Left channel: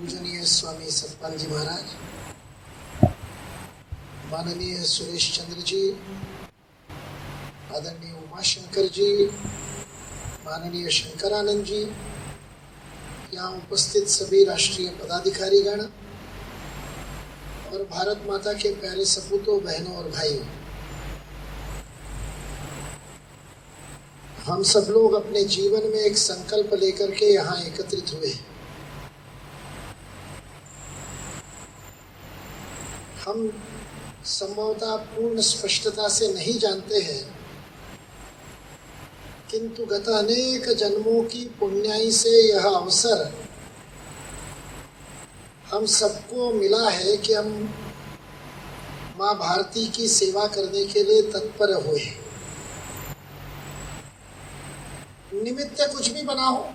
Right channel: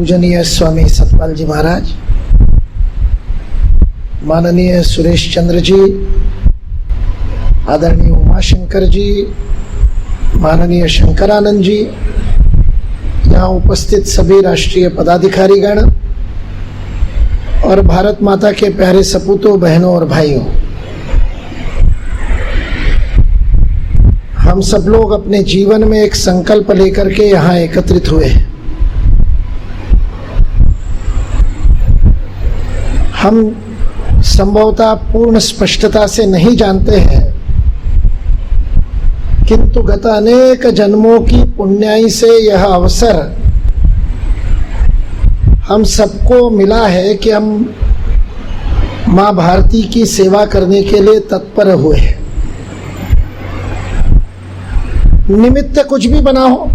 पूजनीय स्वामी सतपाल जी महाराज, माननीय सुरेश चंद्र जी, आदरणीय उमाशंकर जी, माननीय शंकरानंद जी, यहाँ उपस्थित सभी राष्ट्रीय पदाधिकारीगण और भारत माता के प्यारे सपूतों, बहनों और भाइयों, हम सब लोग अपने जीवन में एक संकल्प लेकर के यहाँ एकत्रित हुए हैं। हम संभवतः पूर्ण स्पष्टता से नहीं जानते हैं, किंतु गत अनेक जन्मों की पुण्याई से यह अवसर हम सबको मिला है कि हम माँ भारती की सेवा करने के लिए तत्पर हुए हैं। निमित्त कुछ भी बना हो,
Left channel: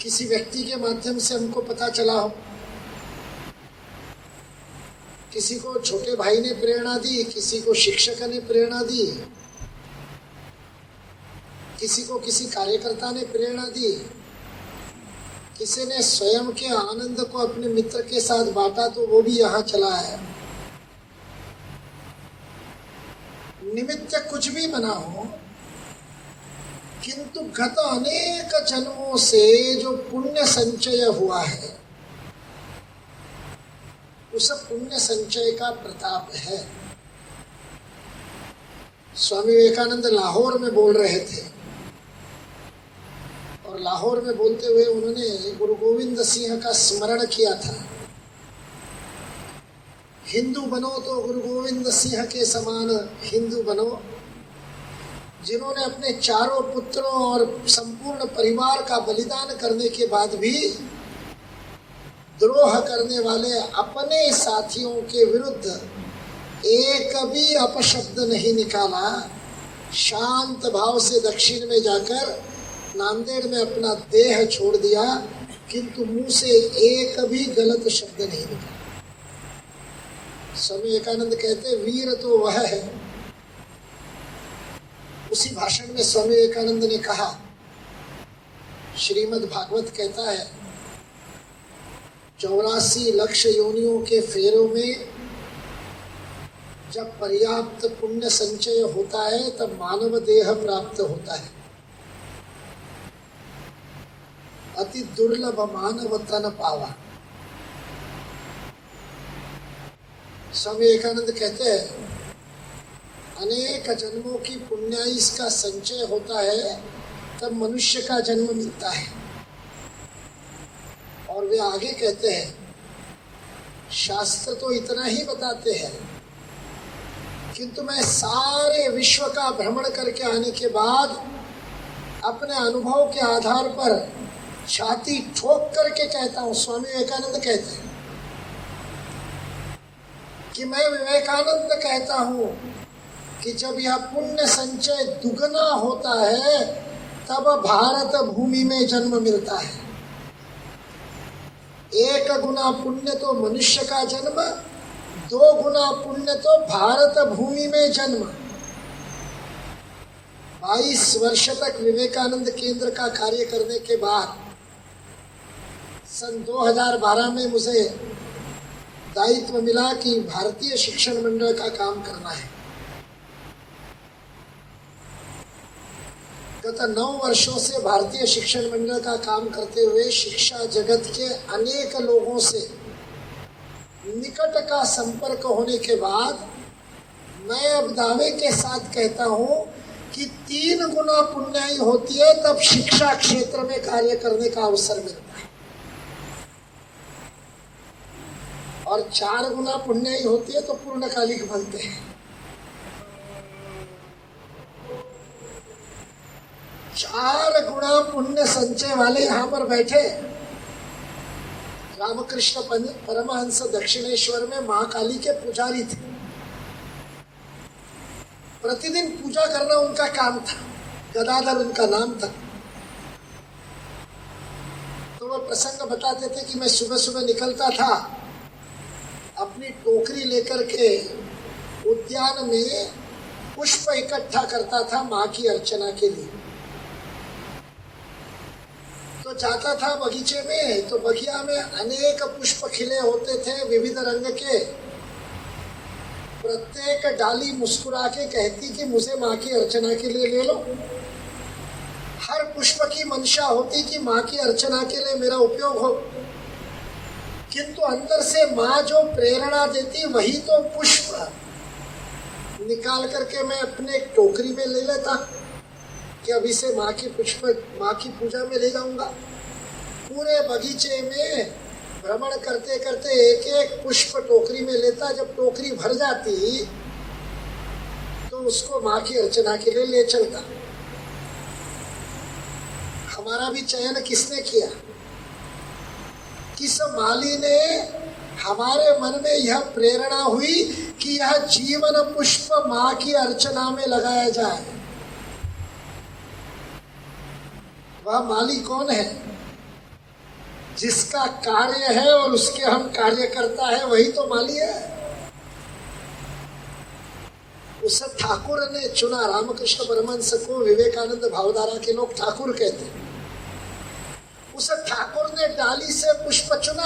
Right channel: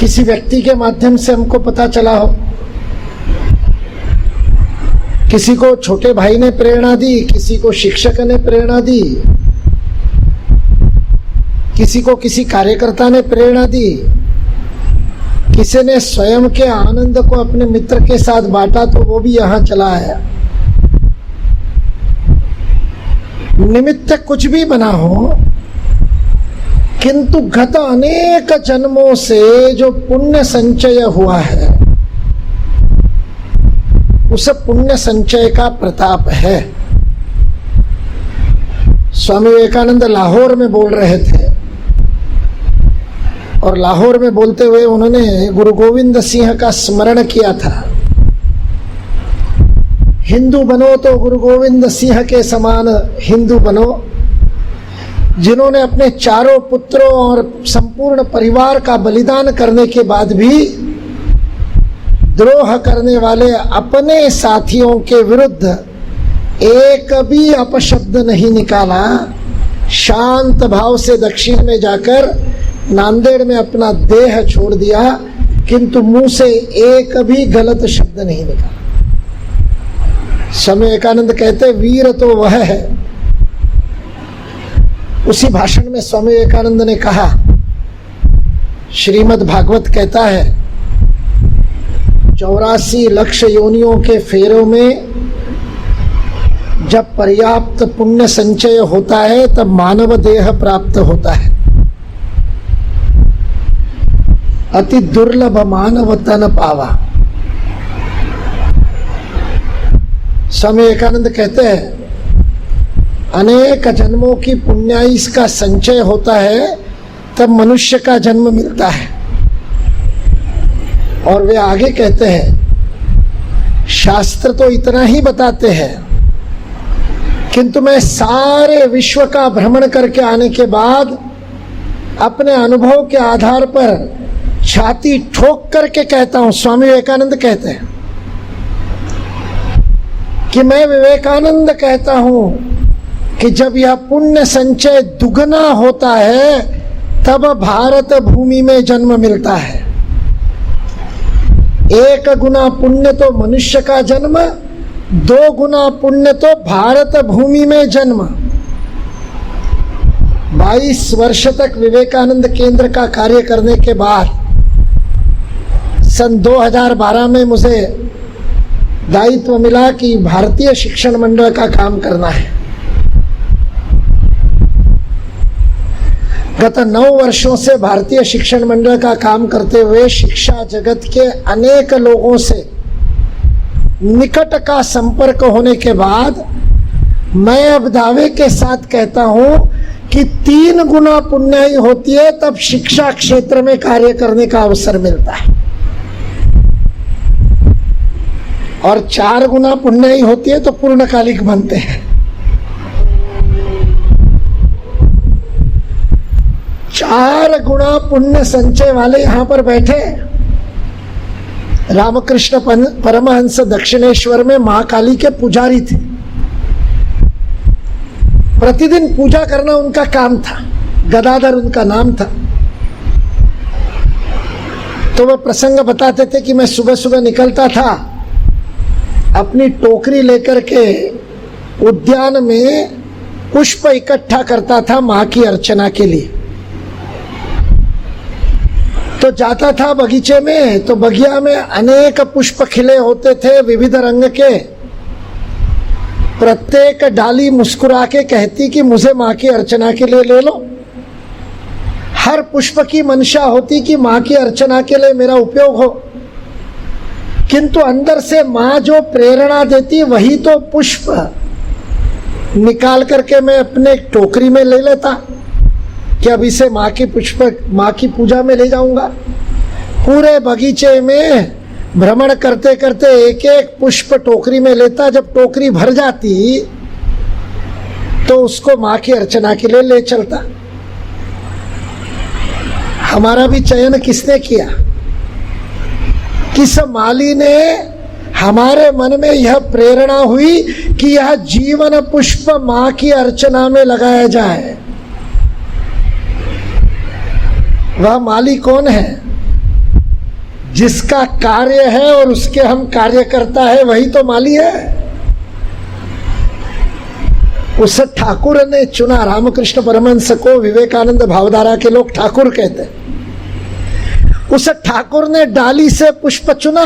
किसी व्यक्ति के माध्यम से हमको पता चला हो, किसी को छोटे भाई ने प्रेरणा दी, किसी को शिक्षक ने प्रेरणा दी, किसी को किसी कार्यकर्ता ने प्रेरणा दी, किसी ने स्वयं के आनंद को अपने मित्र के साथ बांटा तो वो भी यहाँ चला आया। निमित्त कुछ भी बना हो, किंतु गत अनेक जन्मों से जो पुण्य संचय हुआ है, उस पुण्य संचय का प्रताप है। स्वामी विवेकानंद लाहौर में बोल रहे थे और लाहौर में बोलते हुए उन्होंने गुरु गोविंद सिंह का स्मरण किया था। हिंदू बनो तो गुरु गोविंद सिंह के समान हिंदू बनो, जिन्होंने अपने चारों पुत्रों और संपूर्ण परिवार का बलिदान करने के बाद भी द्रोह करने वाले अपने साथियों के विरुद्ध एक भी अपशब्द नहीं निकाला। शांत भाव से दक्षिण में जाकर नांदेड़ में अपना देह छोड़ दिया, किंतु मुंह से एक भी गलत शब्द नहीं निकाला। स्वामी विवेकानंद कहते वीर तो वह है। उसी भाषण में स्वामी विवेकानंद ने कहा, श्रीमद् भागवत कहता है 84 लक्ष योनियों के फेरों में जब पर्याप्त पुण्य संचय होता है तब मानव देह प्राप्त होता है। अति दुर्लभ मानव तन पावा। स्वामी विवेकानंद कहते हैं अनेक जन्मों की पुण्याई का संचय होता है तब मनुष्य का जन्म मिलता है। और वे आगे कहते हैं शास्त्र तो इतना ही बताते हैं, किंतु मैं सारे विश्व का भ्रमण करके आने के बाद अपने अनुभव के आधार पर छाती ठोक करके कहता हूं, स्वामी विवेकानंद कहते हैं कि मैं विवेकानंद कहता हूं कि जब यह पुण्य संचय दुगना होता है तब भारत भूमि में जन्म मिलता है। 1 गुना पुण्य तो मनुष्य का जन्म, 2 गुना पुण्य तो भारत भूमि में जन्म। 22 वर्ष तक विवेकानंद केंद्र का कार्य करने के बाद सन 2012 में मुझे दायित्व मिला कि भारतीय शिक्षण मंडल का काम करना है। गत 9 वर्षों से भारतीय शिक्षण मंडल का काम करते हुए शिक्षा जगत के अनेक लोगों से निकट का संपर्क होने के बाद मैं अब दावे के साथ कहता हूं कि 3 गुना पुण्याई होती है तब शिक्षा क्षेत्र में कार्य करने का अवसर मिलता है, और 4 गुना पुण्याई होती है तो पूर्णकालिक बनते हैं। 4 गुना पुण्य संचय वाले यहां पर बैठे। रामकृष्ण परमहंस दक्षिणेश्वर में महाकाली के पुजारी थे। प्रतिदिन पूजा करना उनका काम था, गदाधर उनका नाम था। तो वह प्रसंग बताते थे कि मैं सुबह सुबह निकलता था, अपनी टोकरी लेकर के उद्यान में पुष्प इकट्ठा करता था मां की अर्चना के लिए। तो जाता था बगीचे में, तो बगिया में अनेक पुष्प खिले होते थे विविध रंग के। प्रत्येक डाली मुस्कुरा के कहती कि मुझे माँ की अर्चना के लिए ले लो। हर पुष्प की मंशा होती कि माँ की अर्चना के लिए मेरा उपयोग हो, किंतु अंदर से माँ जो प्रेरणा देती वही तो पुष्प निकाल करके मैं अपने टोकरी में ले लेता कि अब इसे माँ की पूजा में ले जाऊंगा। पूरे बगीचे में भ्रमण करते करते एक एक पुष्प टोकरी में लेता। जब टोकरी भर जाती तो उसको माँ की अर्चना के लिए ले चलता। हमारा भी चयन किसने किया? किस माली ने हमारे मन में यह प्रेरणा हुई कि यह जीवन पुष्प माँ की अर्चना में लगाया जाए? वह माली कौन है? जिसका कार्य है और उसके हम कार्य करता है, वही तो माली है। उस ठाकुर ने चुना। रामकृष्ण परमहंस को विवेकानंद भावधारा के लोग ठाकुर कहते हैं। उस ठाकुर ने डाली से पुष्प चुना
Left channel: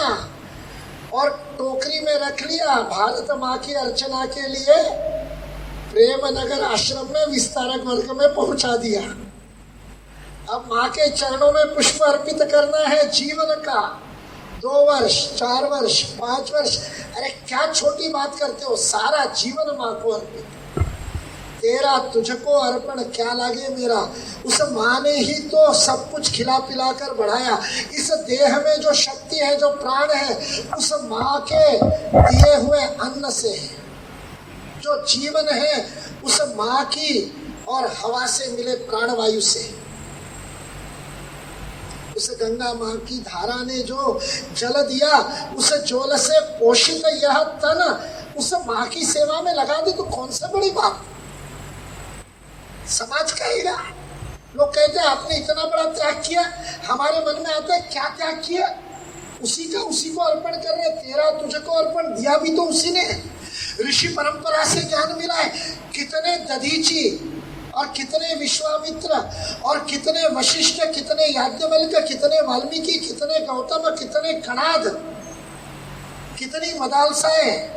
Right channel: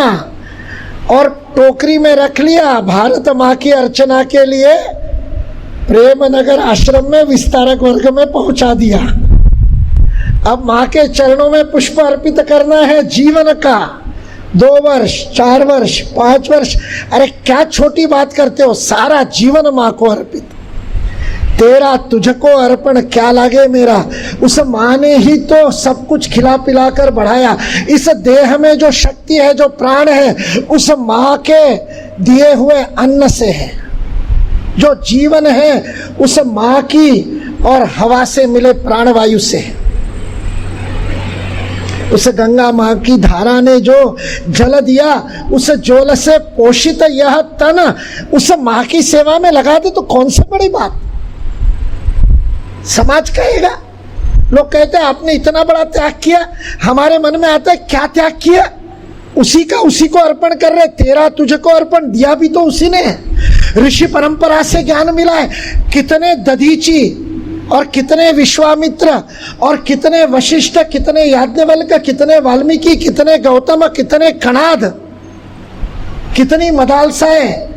और टोकरी में रख लिया। भारत माँ की अर्चना के लिए प्रेमनगर आश्रम में विस्तारक वर्ग में पहुंचा दिया। अब माँ के चरणों में पुष्प अर्पित करना है जीवन का। 2 वर्ष, 4 वर्ष, 5 वर्ष, अरे क्या छोटी बात करते हो? सारा जीवन माँ को अर्पित। तेरा तुझको अर्पण क्या लागे मेरा। उस माँ ने ही तो सब कुछ खिला पिला कर बढ़ाया। इस देह में जो शक्ति है, जो प्राण है, उस माँ के दिए हुए अन्न से है। जो जीवन है उस माँ की और हवा से मिले प्राणवायु से है। उस गंगा माँ की धारा ने जो जल दिया, उस जल से पोषित यह तन उस माँ की सेवा में लगा दे तो कौन सी बड़ी बात। समाज कहेगा, लोग कहते हैं आपने इतना बड़ा त्याग किया। हमारे मन में आता है क्या त्याग किया? उसी का उसी को अर्पण कर रहे। तेरा तुझको अर्पण दिया भी तो उसी ने। ऋषि परंपरा से ज्ञान मिला है। कितने दधीची और कितने विश्वामित्र और कितने वशिष्ठ, कितने याज्ञवल्क्य, कितने वाल्मीकि, कितने गौतम, कितने कणाद, कितनी मदालसाएं,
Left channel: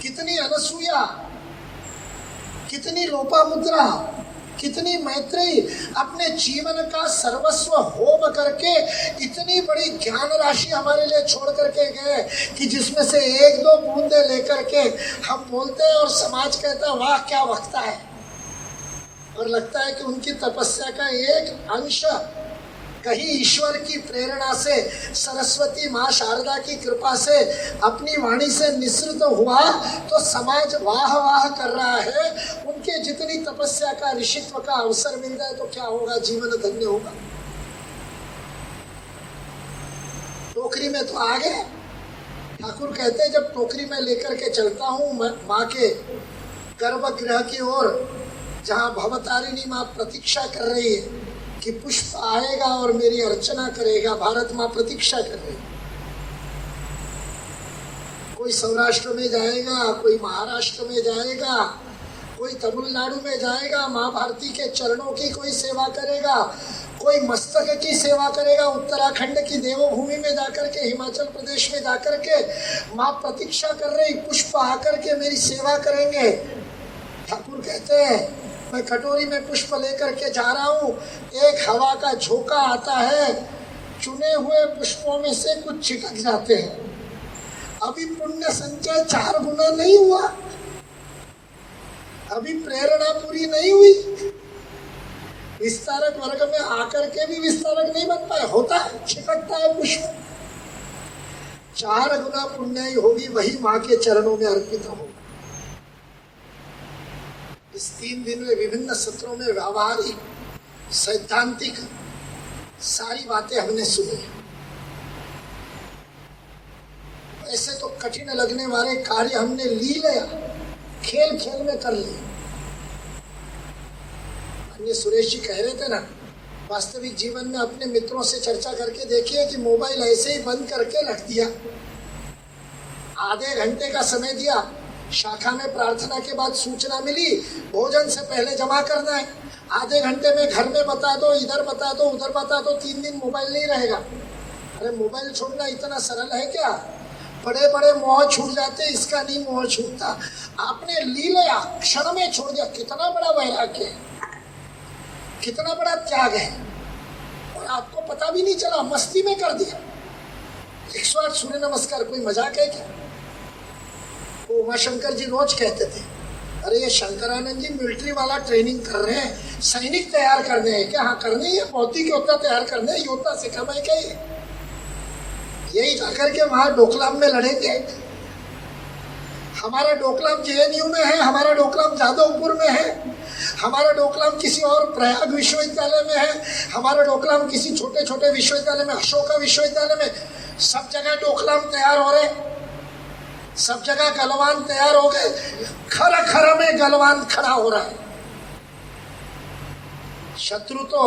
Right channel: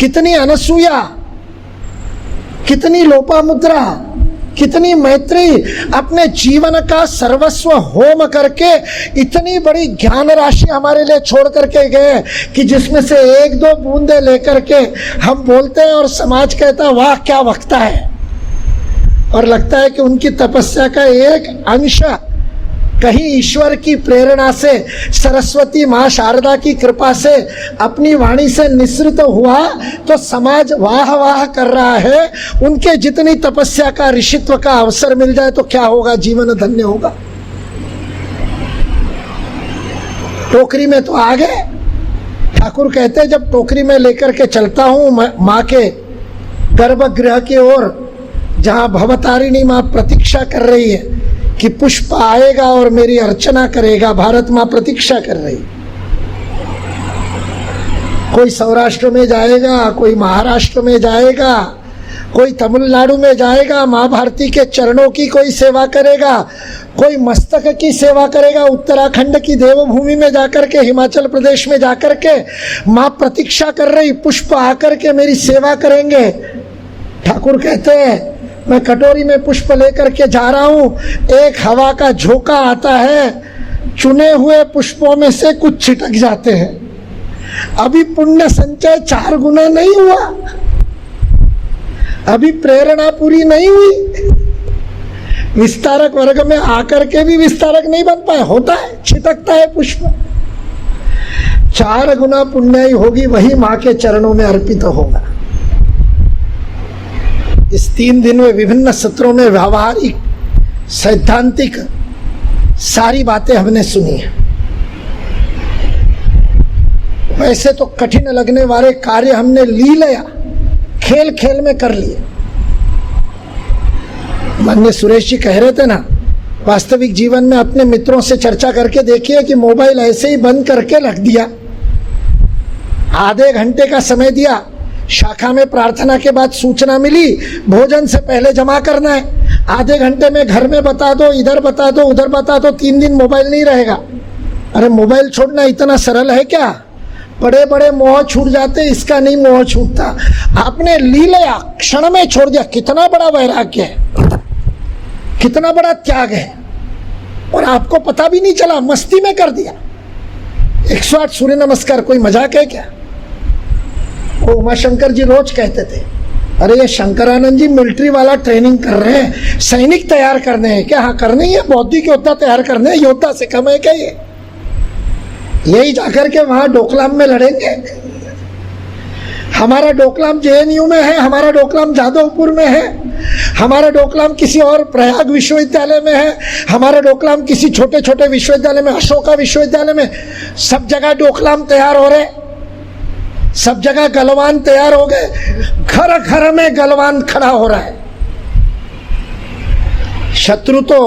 कितनी अनसुया, कितनी लोपामुद्रा, कितनी मैत्री अपने जीवन का सर्वस्व होम करके इतनी बड़ी ज्ञान राशि हमारे लिए छोड़ करके गए कि जिसमें से 1-2 बूंदे लेकर के हम बोलते हैं और समाज कहता है वाह क्या वक्ता है। और लगता है कि उनकी तपस्या का एक अंश कहीं ईश्वर की प्रेरणा से, सरस्वती माँ शारदा की कृपा से अपनी वाणी से निसृत हुआ तो समाज वाह वाह कर रहा है। उनके जितनी तपस्या का, ऋषित्व का अवसर मिल जाए तो क्या होगा? जीवन धन्य होगा। टोकरी में तो आ गए। ठाकुर कहते हैं जब टोकरी में लेकर के चलता हूं माँ के गर्भगृह की ओर, जहां भवतारिणी माँ प्रतीक्षा कर रही है कि पुष्प आएगा और मेरी अर्चना करेगा, भारत माँ प्रतीक्षा कर रही। कोई सौराष्ट्र में जाएगा, कोई महाराष्ट्र में जाएगा, कोई तमिलनाडु में जाएगा, माँ भारती के चरणों की कोई सेवा करेगा, कोई मस्तक की सेवा करेगा, उत्तराखंड की देवभूमि में जाकर के, हिमाचल प्रदेश में जाकर के माँ प्रतीक्षा कर रही, पुष्प आकर के मेरी सेवा करेंगे। ठाकुर कहते हैं मैं कटोरी में पुष्प लेकर के जा रहा हूं, एक हवा का झोंका आता है, चुने हुए पुष्पों में से कुछ छिटक जाते हैं। अभी पुण्य संचय 4 गुना नहीं हुआ, अभी प्रेरणा पूरी नहीं हुई। विस्तारक वर्ग में आकर के भी विस्तारक नहीं बन पाए। होता है, छिटकता है पुष्प। 4 गुना पुण्य होगी, वही माँ के चरणों में अर्पित होगा। इस 3 दिन में विभिन्न सत्रों में व्यावहारिक, सैद्धांतिक सारी बातें हमने सुनी है। वैसे तो कठिन लगने वाले कार्य हमने लीला खेल खेल में कर लिए। माननीय सुरेश जी कह रहे थे ना, वास्तविक जीवन में अपने मित्रों से चर्चा करके देखिए कि मोबाइल ऐसे ही बंद करके रख दिया, आधे घंटे का समय दिया, शाखा में प्रार्थना के बाद सूचना मिली भोजन से पहले जमा करना है, आधे घंटे में घर में बता दो, इधर बता दो, उधर बता दो, 3 दिन मोबाइल नहीं रहेगा। अरे मोबाइल छोड़ना इतना सरल है क्या? बड़े बड़े मोह छूट जाते, इसका नहीं मोह छूटता। आपने लीला क्षण में छोड़ दिया, कितना बड़ा वैराग्य है, कितना बड़ा त्याग है, और आपको पता भी नहीं चला, मस्ती में कर दिया। 108 सूर्य नमस्कार कोई मजाक है क्या? वो उमाशंकर जी रोज कहते थे, अरे ये शंकरानंद जी मिलिट्री वाला ट्रेनिंग कर रहे हैं, सैनिक तैयार करने हैं क्या? हाँ करने ही है, बौद्धिक योद्धा तैयार करने हैं, योद्धा से कम है क्या ये? यही जाकर के वहां डोकलाम में लड़ेंगे। हमारा डोकलाम जेएनयू में है, हमारा डोकलाम जादवपुर में है, हमारा डोकलाम किसी और प्रयाग विश्वविद्यालय में है, हमारा डोकलाम किसी छोटे छोटे विश्वविद्यालय में, अशोका विश्वविद्यालय में, सब जगह डोकलाम तैयार हो रहे, सब जगह गलवान तैयार हो गए, घर घर में गलवान खड़ा हो रहा है। शत्रु तो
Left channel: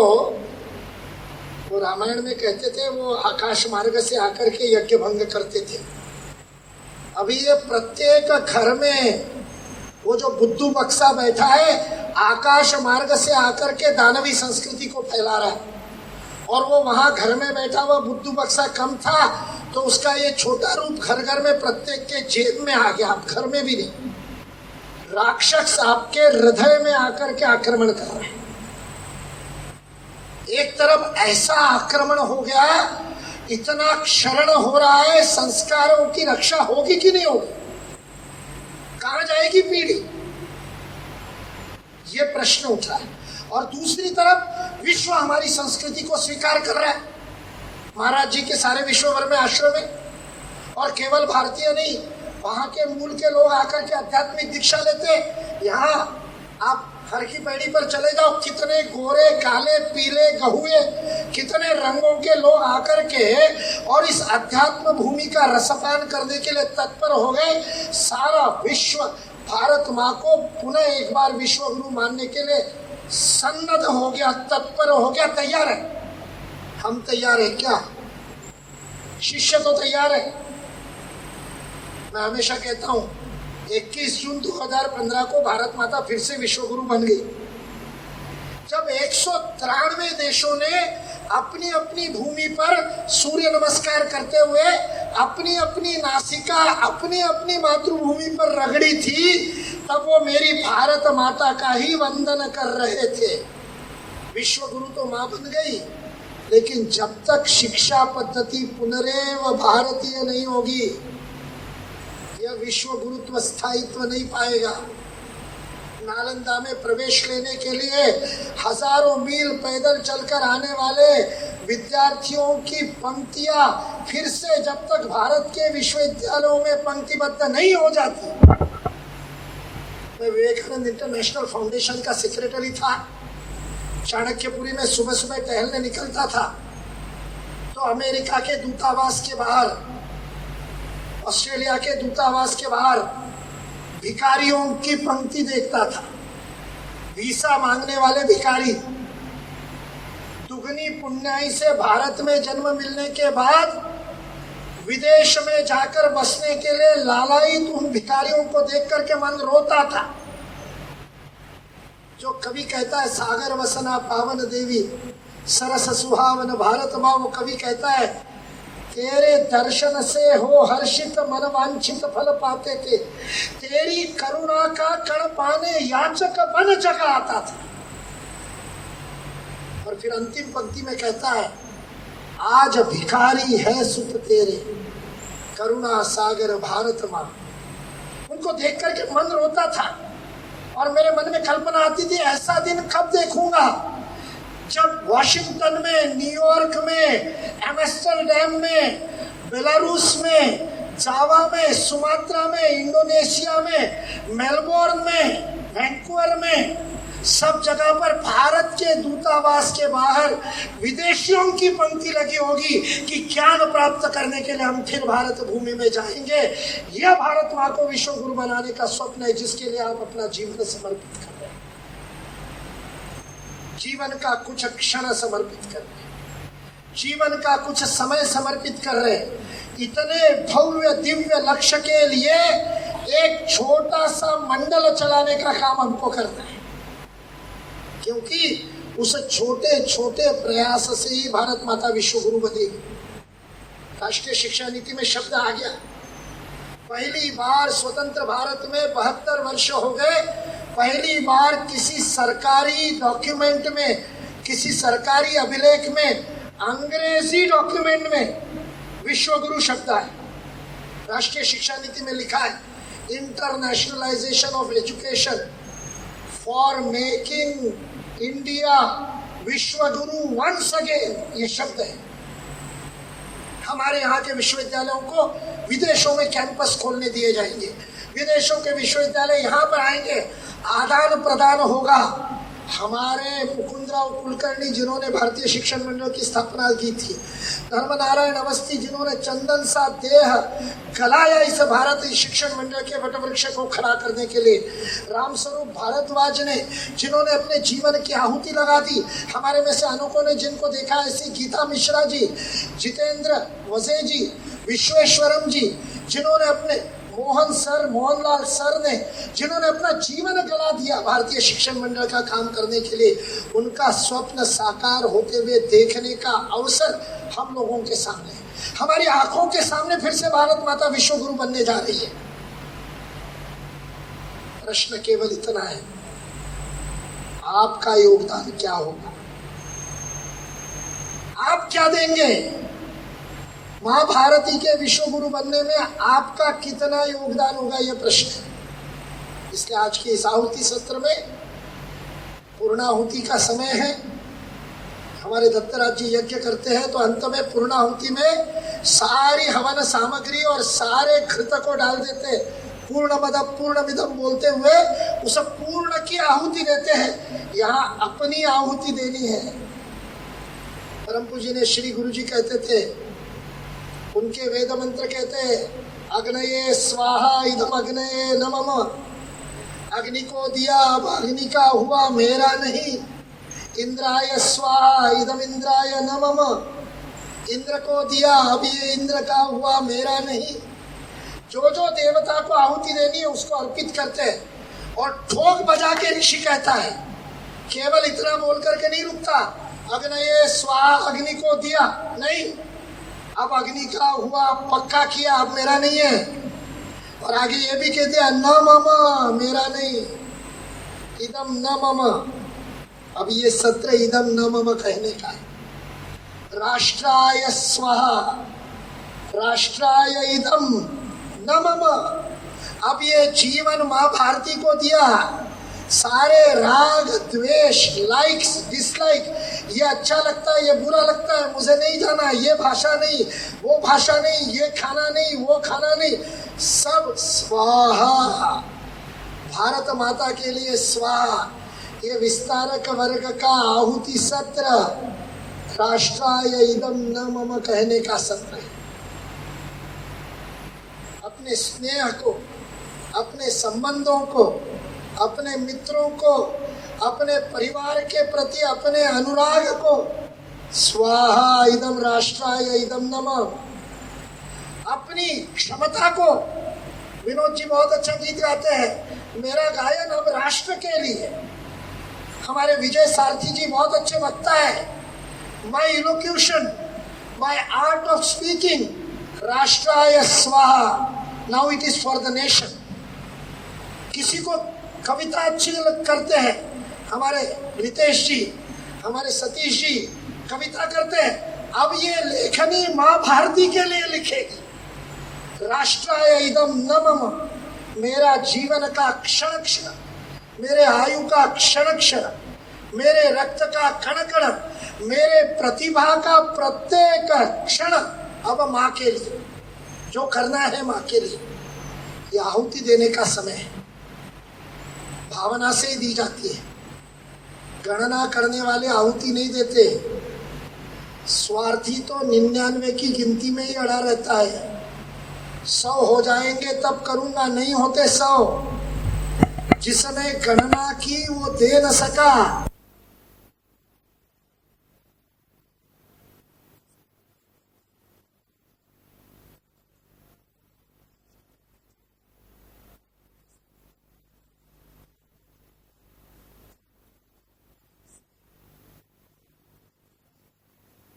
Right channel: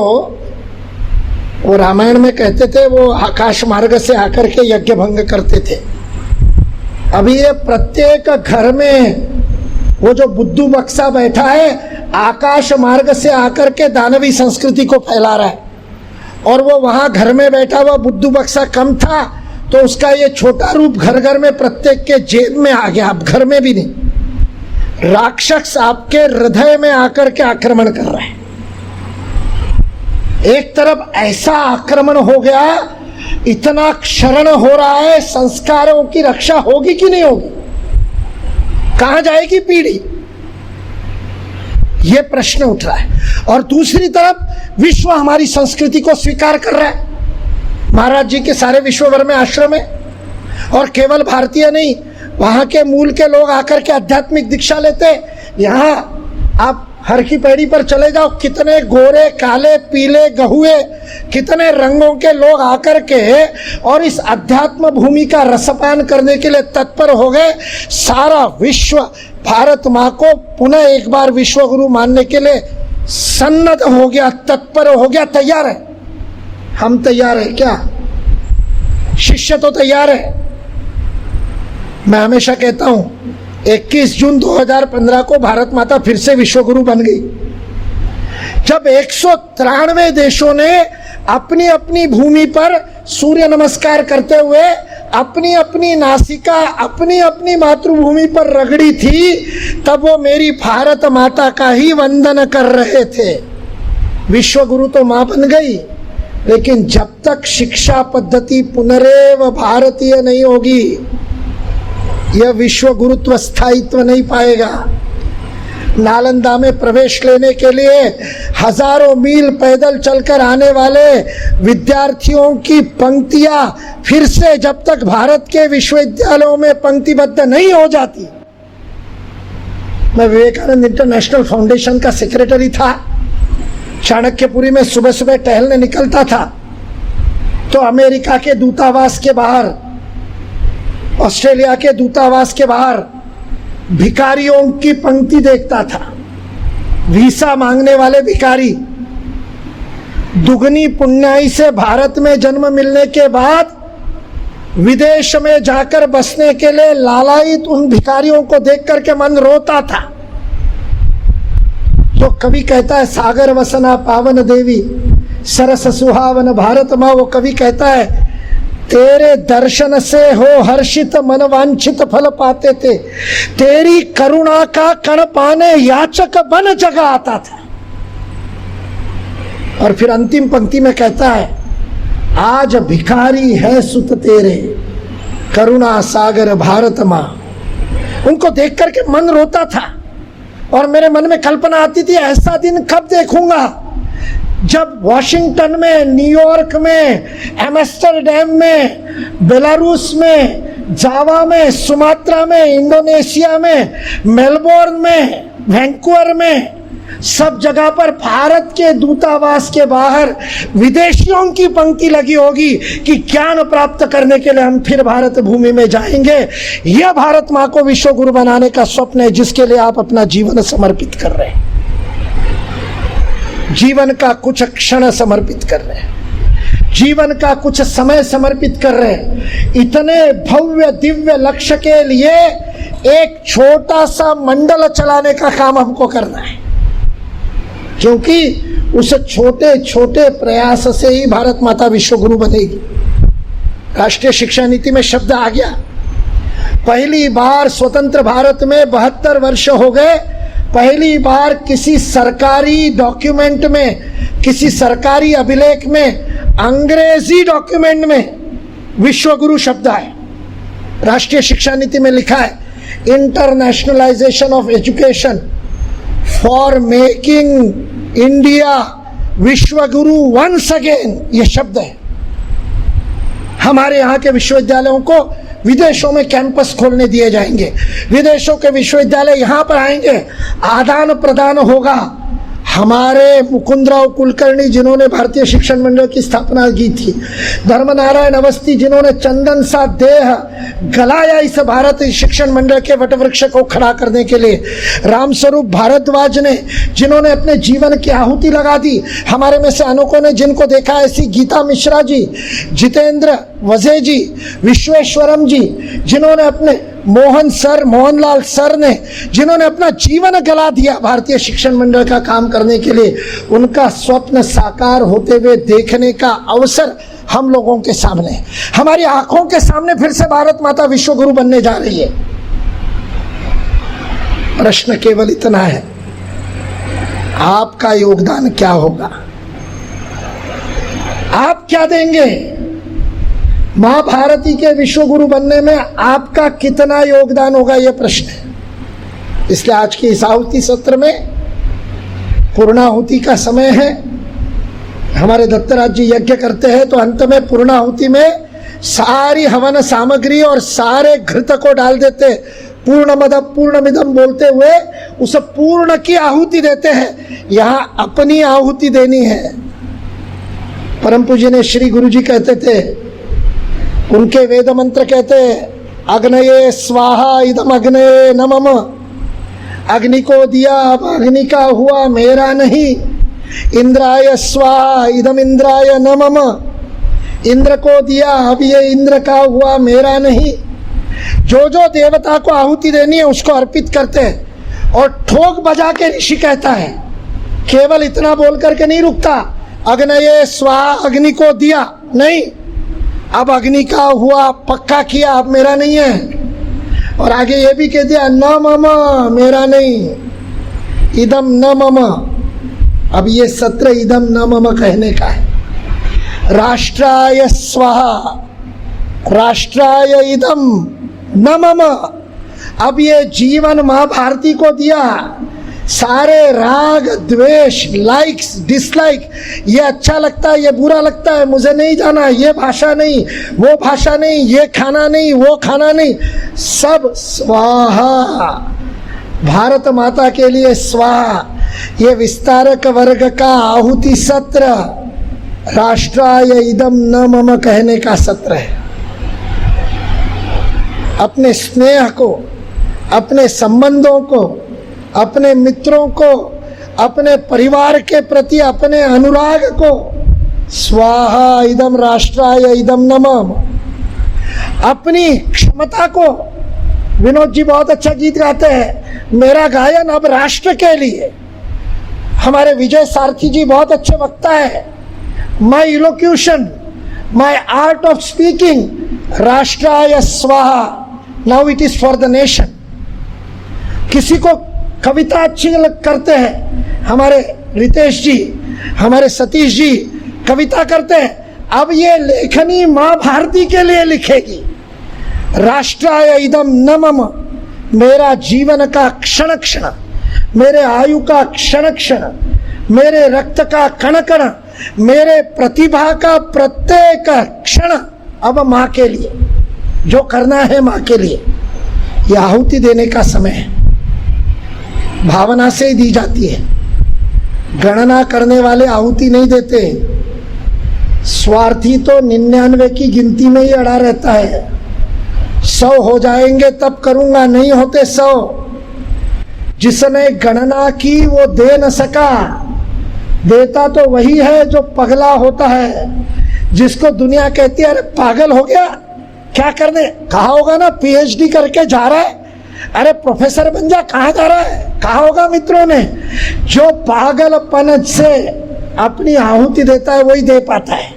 वो रामायण में कहते थे वो आकाश मार्ग से आकर के यज्ञ भंग करते थे। अभी ये प्रत्येक घर में वो जो बुद्धू बक्सा बैठा है, आकाश मार्ग से आकर के दानवी संस्कृति को फैला रहा है। और वो वहां घर में बैठा हुआ बुद्धू बक्सा कम था, तो उसका ये छोटा रूप घर घर में प्रत्येक के जेब में आ गया। अब घर में भी नहीं, राक्षस आपके हृदय में आकर के आक्रमण कर रहा है। एक तरफ ऐसा आक्रमण हो गया, इतना क्षरण हो रहा है, संस्कारों की रक्षा होगी कि नहीं होगी? कहां जाएगी पीढ़ी? यह प्रश्न उठ रहा है। और दूसरी तरफ विश्व हमारी संस्कृति को स्वीकार कर रहा है। महाराज जी के सारे विश्व भर में आश्रम है, और केवल भारतीय नहीं, वहां के मूल के लोग आकर के आध्यात्मिक दीक्षा लेते। यहां आप हर की पैड़ी पर चले जाओ, कितने गोरे काले पीले गहुए, कितने रंगों के लोग आकर के और इस अध्यात्म भूमि का रसपान करने के लिए तत्पर हो गए। सारा विश्व भारत माँ को पुनः एक बार विश्व गुरु मानने के लिए सन्नद्ध हो गया, तत्पर हो गया, तैयार है। हम तैयार है क्या? शिष्य तो तैयार है। मैं हमेशा कहता हूं 21 जून 2015 को भारत माता फिर से विश्व गुरु बन गई, जब 193 देशों ने अपनी अपनी भूमि पर सूर्य नमस्कार करते हुए अपनी अपनी नासिका अपनी अपनी मातृभूमि पर रगड़ी थी, तब वो मेरी भारत माता का ही वंदन कर रहे थे। विश्व गुरु तो मां बन गई, लेकिन जब तक शिक्षा पद्धति पुनरेव भारतीय नहीं होगी, यह विश्व गुरुत्व स्थायित्व नहीं पाएगा। नालंदा में प्रवेश लेने के लिए हजारों मील पैदल चलकर आने वाले विद्यार्थियों की पंक्तियां फिर से जब तक भारत के विश्वविद्यालयों में पंक्तिबद्ध नहीं हो जाती। मैं विवेकानंद इंटरनेशनल फाउंडेशन का सेक्रेटरी था। चाणक्यपुरी में सुबह सुबह टहलने निकलता था, तो अमेरिका के दूतावास के बाहर, ऑस्ट्रेलिया के दूतावास के बाहर भिखारियों की पंक्ति देखता था। वीसा मांगने वाले भिखारी। दुगनी पुण्याई से भारत में जन्म मिलने के बाद विदेश में जाकर बसने के लिए लालायित उन भिखारियों को देख करके मन रोता था। जो कवि कहता है सागर वसना पावन देवी सरस सुहावन भारत माँ, वो कवि कहता है तेरे दर्शन से हो हर्षित मन वांछित फल पाते थे, तेरी करुणा का कण पाने याचक बन जगह आता था। और फिर अंतिम पंक्ति में कहता है आज भिखारी है सुत तेरे करुणा सागर भारत माँ। उनको देख करके मन रोता था और मेरे मन में कल्पना आती थी ऐसा दिन कब देखूंगा जब वॉशिंगटन में, न्यूयॉर्क में, एम्स्टर्डम में, बेलारूस में, जावा में, सुमात्रा में, इंडोनेशिया में, मेलबोर्न में, वैंकूवर में, सब जगह पर भारत के दूतावास के बाहर विदेशियों की पंक्ति लगी होगी कि ज्ञान प्राप्त करने के लिए हम फिर भारत भूमि में जाएंगे। यह भारत माँ को विश्व गुरु बनाने का स्वप्न है जिसके लिए आप अपना जीवन समर्पित कर रहे हैं, जीवन का कुछ क्षण समर्पित कर रहे हैं, जीवन का कुछ समय समर्पित कर रहे हैं। इतने भव्य दिव्य लक्ष्य के लिए एक छोटा सा मंडल चलाने का काम हमको करना है। क्योंकि उस छोटे छोटे प्रयास से ही भारत माता विश्व गुरु बनेगी। राष्ट्रीय शिक्षा नीति में शब्द आ गया। पहली बार स्वतंत्र भारत में 72 वर्ष हो गए, पहली बार किसी सरकारी डॉक्यूमेंट में, किसी सरकारी अभिलेख में, अंग्रेजी डॉक्यूमेंट में विश्व गुरु शब्द आए। राष्ट्रीय शिक्षा नीति में लिखा है internationalisation of education for making India विश्व गुरु वंस अगेन, ये शब्द है। हमारे यहाँ के विश्वविद्यालयों को विदेशों में कैंपस खोलने दिए जाएंगे, विदेशों के विश्वविद्यालय यहाँ पर आएंगे, आदान प्रदान होगा। हमारे मुकुंदराव कुलकर्णी जिन्होंने भारतीय शिक्षण मंडल की स्थापना की थी, धर्मनारायण अवस्थी जिन्होंने चंदन सा देह गलाया इस भारत शिक्षण मंडल के वटवृक्ष को खड़ा करने के लिए, रामस्वरूप भारद्वाज ने जिन्होंने अपने जीवन की आहुति लगा दी, हमारे में से अनेकों ने जिनको देखा ऐसी गीता मिश्रा जी, जितेंद्र वजे जी, विश्वेश्वरम जी, जिन्होंने अपने मोहनलाल सर ने जिन्होंने अपना जीवन गला दिया भारतीय शिक्षण मंडल का काम करने के लिए, उनका स्वप्न साकार होते हुए देखने का अवसर हम लोगों के सामने, हमारी आंखों के सामने फिर से भारत माता विश्व गुरु बनने जा रही है। प्रश्न केवल इतना है, आपका योगदान क्या होगा? आप क्या देंगे? मां भारती के विश्व गुरु बनने में आपका कितना योगदान होगा, यह प्रश्न है। इसलिए आज की इस आहुति सत्र में पूर्णाहुति का समय है। हमारे दत्तराज जी यज्ञ करते हैं तो अंत में पूर्णाहुति में सारी हवन सामग्री और सारे घृत को डाल देते, पूर्णमद पूर्णमिदम बोलते हुए उस पूर्ण की आहुति देते हैं। यहां अपनी आहुति देनी है। परम पूज्य ने श्री गुरु जी कहते थे, उनके वेद मंत्र कहते अग्नये स्वाहा इदम अग्नये नमः, अग्नि को दिया अब अग्नि का हुआ मेरा नहीं, इंद्राय स्वाहा इदम इंद्राय नमः, इंद्र को दिया अब ये इंद्र का हुआ मेरा नहीं। जो जो देवता को आहुति देनी है उसको अर्पित करते हैं। और ठोक बजा के ऋषि कहता है, केवल इतना बोल करके नहीं रुकता, अग्नये स्वाहा अग्नि को दिया नहीं, अब अग्नि का हुआ पक्का किया, अब मेरा नहीं है। और आगे ये भी कह दिया न मम, मेरा नहीं, इदम न मम। अब ये सत्र इदम न मम कहने का है। राष्ट्राय स्वाहा राष्ट्राय इदम न मम। अब ये जीवन मां भारती को दिया, सारे राग द्वेष लाइक्स डिसलाइक, ये अच्छा लगता है ये बुरा लगता है, मुझे नहीं जाना, ये भाषा नहीं वो भाषा नहीं, ये खाना नहीं वो खाना नहीं, सब स्वाहा भारत माता के लिए स्वाहा। ये विस्तारक वर्ग का आहुति सत्र राष्ट्राय इदम न मम कहने का सत्र है। अपने स्नेह को, अपने संबंधों को, अपने मित्रों को, अपने परिवार के प्रति अपने अनुराग को स्वाहा इदम राष्ट्राय इदम नमः। अपनी क्षमता को, विनोद जी बहुत अच्छा गीत गाते हैं, मेरा गायन अब राष्ट्र के लिए। हमारे विजय सारथी जी बहुत अच्छे वक्ता है, माई इलोक्यूशन माई आर्ट ऑफ स्पीकिंग राष्ट्राय स्वाहा, now it is for the nation. किसी को कविता अच्छी करते हैं, हमारे रितेश जी, हमारे सतीश जी कविता करते हैं, अब ये लेखनी मां भारती के लिए लिखेगी। राष्ट्राय इदम न मम, मेरा जीवन का क्षण क्षण, मेरे आयु का क्षण क्षण, मेरे रक्त का कण कण, मेरे प्रतिभा का प्रत्येक क्षण अब मां के लिए, जो करना है मां के लिए। यह आहुति देने का समय है, भावना से ही दी जाती है। गणना करने वाले आहुति नहीं देते, स्वार्थी तो 99 की गिनती में ही अड़ा रहता है। 100 हो जाएंगे तब करूंगा, नहीं होते 100। जिसने गणना की वो दे न सका, देता तो वही है जो पगला होता है, जिसको दुनिया कहती है अरे पागल हो गया, क्या करने, कहा होगा ना पीएचडी करके जा रहा है, अरे प्रोफेसर बन जा, कहाँ जा रहा है? कहा होगा मित्रों ने, जो पागलपन से अपनी आहुति देता है वही दे पाता है।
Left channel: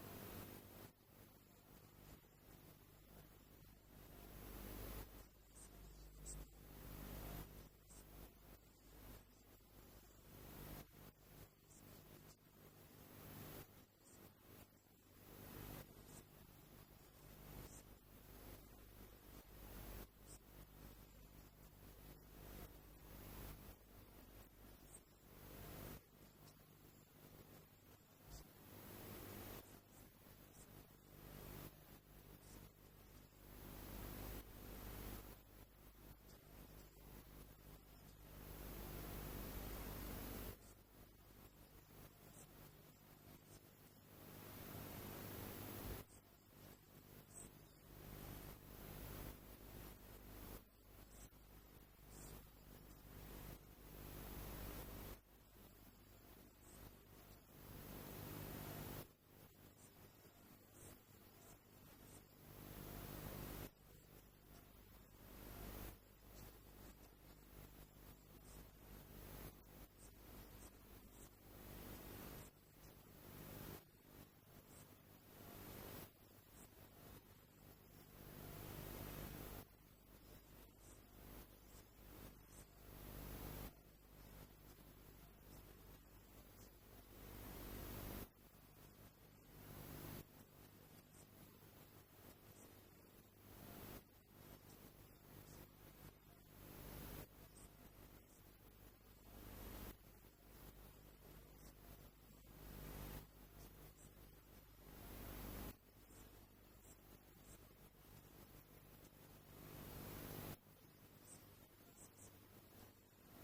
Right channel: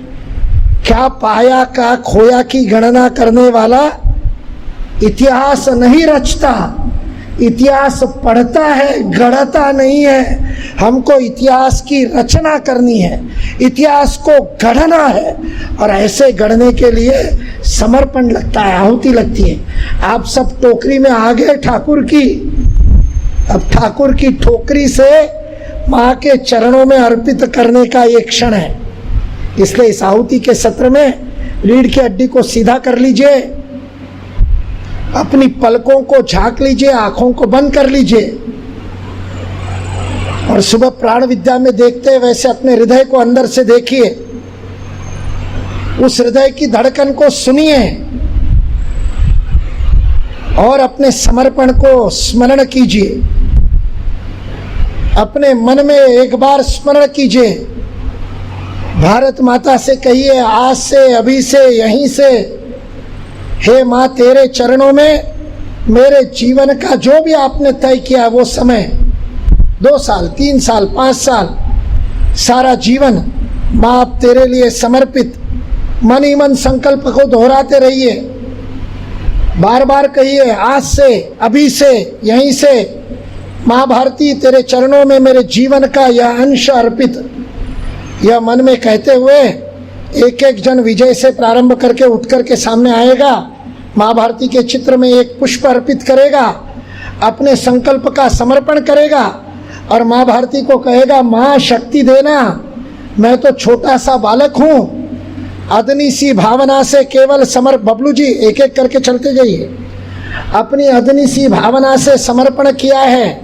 क्या पाया का खोया की गणना करने वाला इतिहास नहीं रचता, इतिहास पढ़ता है, गढ़ता नहीं है। हमको इतिहास की रचना करनी है, इतिहास को गढ़ना है, और ऐसे गढ़ने के लिए समर्पण लगता है, आहुति लगती है। आप सब टोकरी में आ गए ठाकुर की, अब ठाकुर की ठोकरी से माँ के चरणों में अर्पित करने का ये क्षण है। इसलिए इस आहुति के सत्र में रीढ़ की हड्डी को सीधा कर लीजिए, अपनी पलकों को झांक लीजिए, आंखों को बंद कर लीजिए, और सुबह प्राण विद्या में देखते हैं वैसे अपने हृदय को अंदर से देखिए, उस हृदय की धड़कन को सुनिए और अपने समर्पण को स्मरण कीजिए। अपने मन में एक बार स्मरण कीजिए, भारत माता से कहिए, आज से, अभी से, यहीं से, हे माँ तेरे चरणों में मेरे जीवन का जो भी आपने तय किया वो समय, 2 साल, 3 साल, 5 साल, सारा जीवन माँ आप तेरे लिए समर्पित। मन ही मन संकल्प को दोहराते रहिए, बार बार कहिए, आज से, अभी से, यहीं से, माँ भारती तेरे चरणों में मेरे जीवन का यह अंश अर्पित। यह मन में कहते हुए एक एक जन विजय से प्रारंभ करके उठ करके सामने आएगा, माँ भारती के चित्र में एक पुष्प अर्पित करेगा, अपने संकल्प का समर्पण करेगा और माँ भारती को कहेगा, माँ शक्ति देना, मैं तो छोटा सा बालक हूँ, अदनी सी भावना से केवल बबलू जी एक एक करके चलते जाइए, अपनी अदनी सी भावना से समर्पण किया है।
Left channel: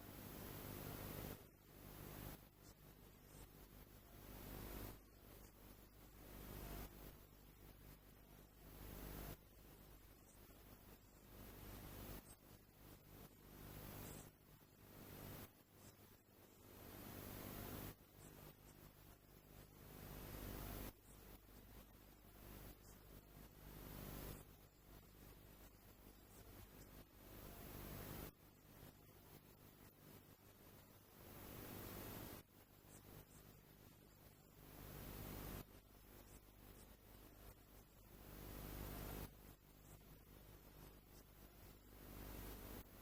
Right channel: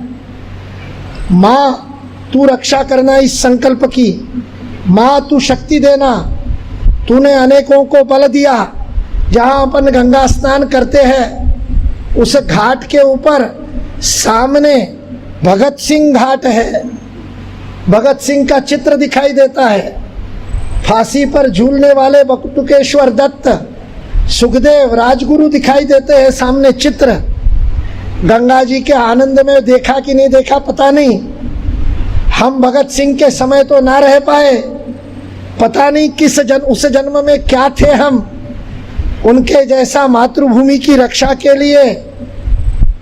माँ तू रक्षा करना इस संकल्प की, माँ तू शक्ति देना, तूने अनेकों को बल दिया। जहाँ अपन गंगा स्नान करते हैं उस घाट के ऊपर सामने भगत सिंह घाट है, भगत सिंह का चित्र दिखाई देता है, फांसी पर झूलने वाले बटुकेश्वर दत्त, सुखदेव, राजगुरु दिखाई देते हैं सामने चित्र। गंगा जी के आनंद में देखा कि नहीं देखा पता नहीं, हम भगत सिंह के समय तो ना रह पाए, पता नहीं किस उस जन्म में क्या थे हम। उनके जैसा मातृभूमि की रक्षा के लिए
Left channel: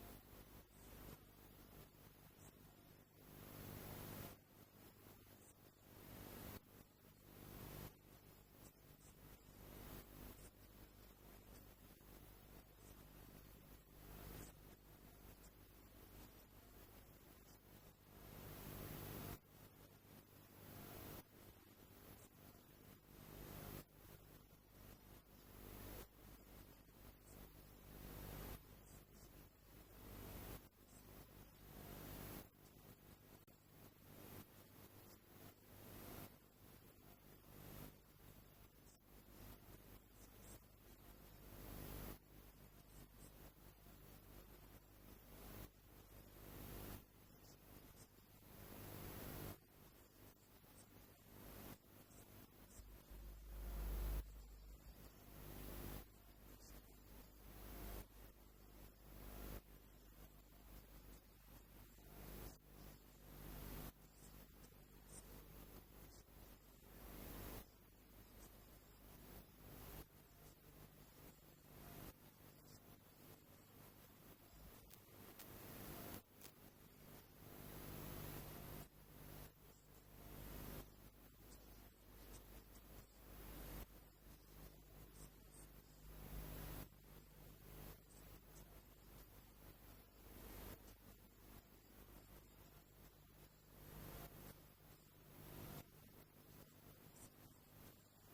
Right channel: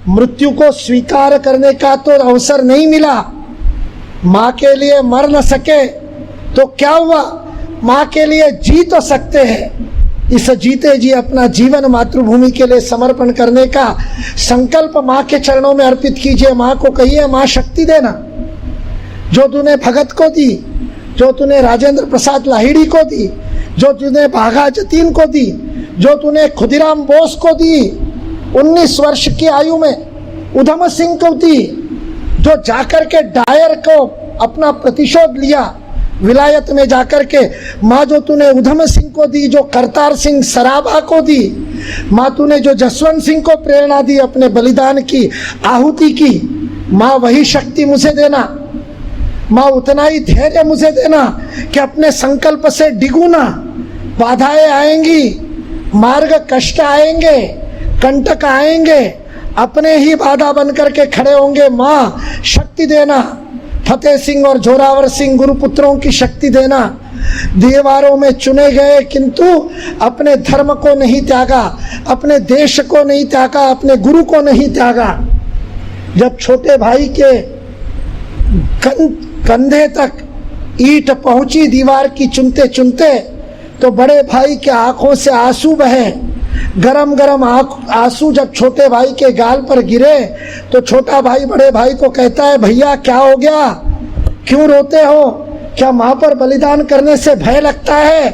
मृत्यु को स्वीकार करने का तो अवसर नहीं मिला। माँ के लिए मर न सके तो क्या हुआ, माँ के लिए जी तो सकते हैं। इस जीते जी अपना जीवन मातृभूमि के लिए समर्पण करने का संकल्प माँ के चरणों में अर्पित कीजिए। माँ को कहिए, माँ शक्ति देना, जो तूने भगत को दी, जो तूने राजेंद्र प्रसाद लाहिड़ी को दी, जो तूने बाघा जतीन को दी, जो तूने खुदीराम बोस को दी, 19 वर्ष की आयु में उधम सिंह को दी, जो जाकर के डायर को अपना प्रतिशोध लिया विलायत में जाकर के, माँ जो तूने उधम सिंह को दी, जो करतार सिंह सराभा को दी, माँ तूने जो जसवंत सिंह को प्रेरणा दी अपने बलिदान की, आहुति की, माँ वही शक्ति मुझे देना। माँ उतना ही धैर्य मुझे देना कि अपने संकल्प से डिगू ना। बाधाएं आएंगी, मार्ग कष्ट आएंगे, कंटक आएंगे, अपने ही बाधा बन करके खड़े होंगे। माँ शक्ति देना, फतेह सिंह और जोरावर सिंह गुरुपुत्रों की शक्ति देना। दीवारों में चुने गए किंतु अपने धर्म को नहीं त्यागा, अपने देश को नहीं त्यागा, अपने गुरु को नहीं त्यागा। जब छोटे भाई के कंधे तक ईंट पहुंची दीवार की चुनते चुनते, तो बड़े भाई के आंखों से आंसू बहे। गरम गरम आंसू जब छोटे भाई के गाल पर गिरे तो छोटा भाई बड़े भाई को कहता है, भैया क्या हो गया, क्यों रोते हो, क्या माँ पर बलिदान करने से भय लगता है?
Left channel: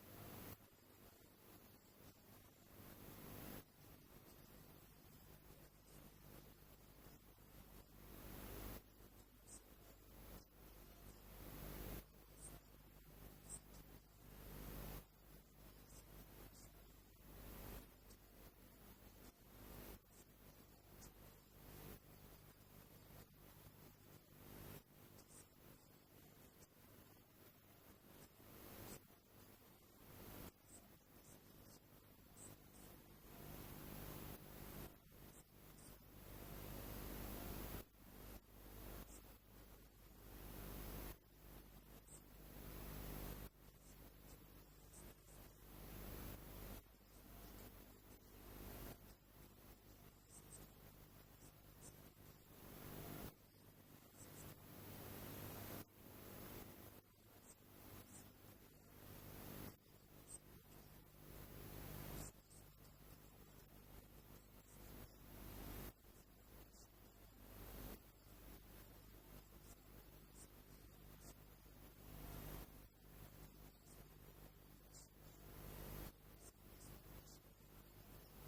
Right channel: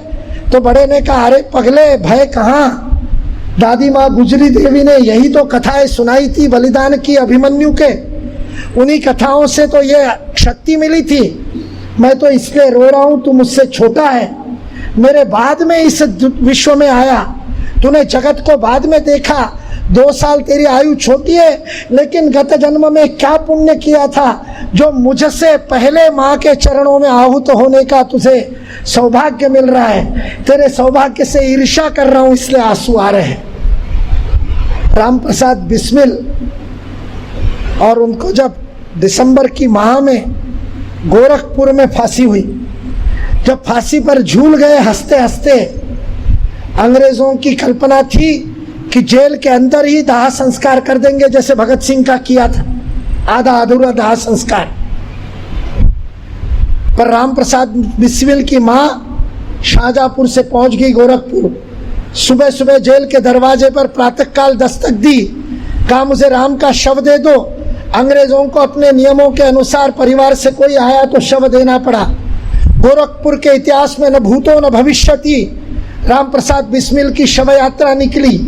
तो बड़े ने कहा, अरे पगले भय कहाँ, दादी माँ गुजरी देवी ने यही तो कथाएं सुनाई थी बलिदान की अभिमन्यु के, उन्हीं कथाओं से तो ये शक्ति मिली थी। मैं तो इसलिए रो रहा हूँ, तू मुझसे छोटा है, मेरे बाद में इस विश्व में आया, तूने जगत को बाद में देखा, 2 साल तेरी आयु छोटी है, लेकिन गत जन्म में क्या पुण्य किया था जो मुझसे पहले माँ के चरणों में आहूत होने का तुझे सौभाग्य मिल रहा है। तेरे सौभाग्य से ईर्ष्या कर रहा हूँ, इसलिए आंसू आ रहे हैं। राम प्रसाद बिस्मिल और उनको जब दिसंबर की माह में गोरखपुर में फांसी हुई, जब फांसी पर झूल गए हंसते हंसते, अंग्रेजों की कल्पना थी कि जेल के अंदर ही दाह संस्कार कर देंगे, जैसे भगत सिंह का किया था, आधा अधूरा दाह संस्कार। पर राम प्रसाद बिस्मिल की मां शाहजहांपुर से पहुंच गई गोरखपुर। सुबह सुबह जेल के दरवाजे पर प्रातःकाल दस्तक दी, कहा मुझे राम का शव दे दो। अंग्रेजों को अपने नियमों के अनुसार परिवार से कोई आया तो शव देना पड़ा। गोरखपुर के इतिहास में न भूतो न भविष्यति राम प्रसाद बिस्मिल की शव यात्रा निकली।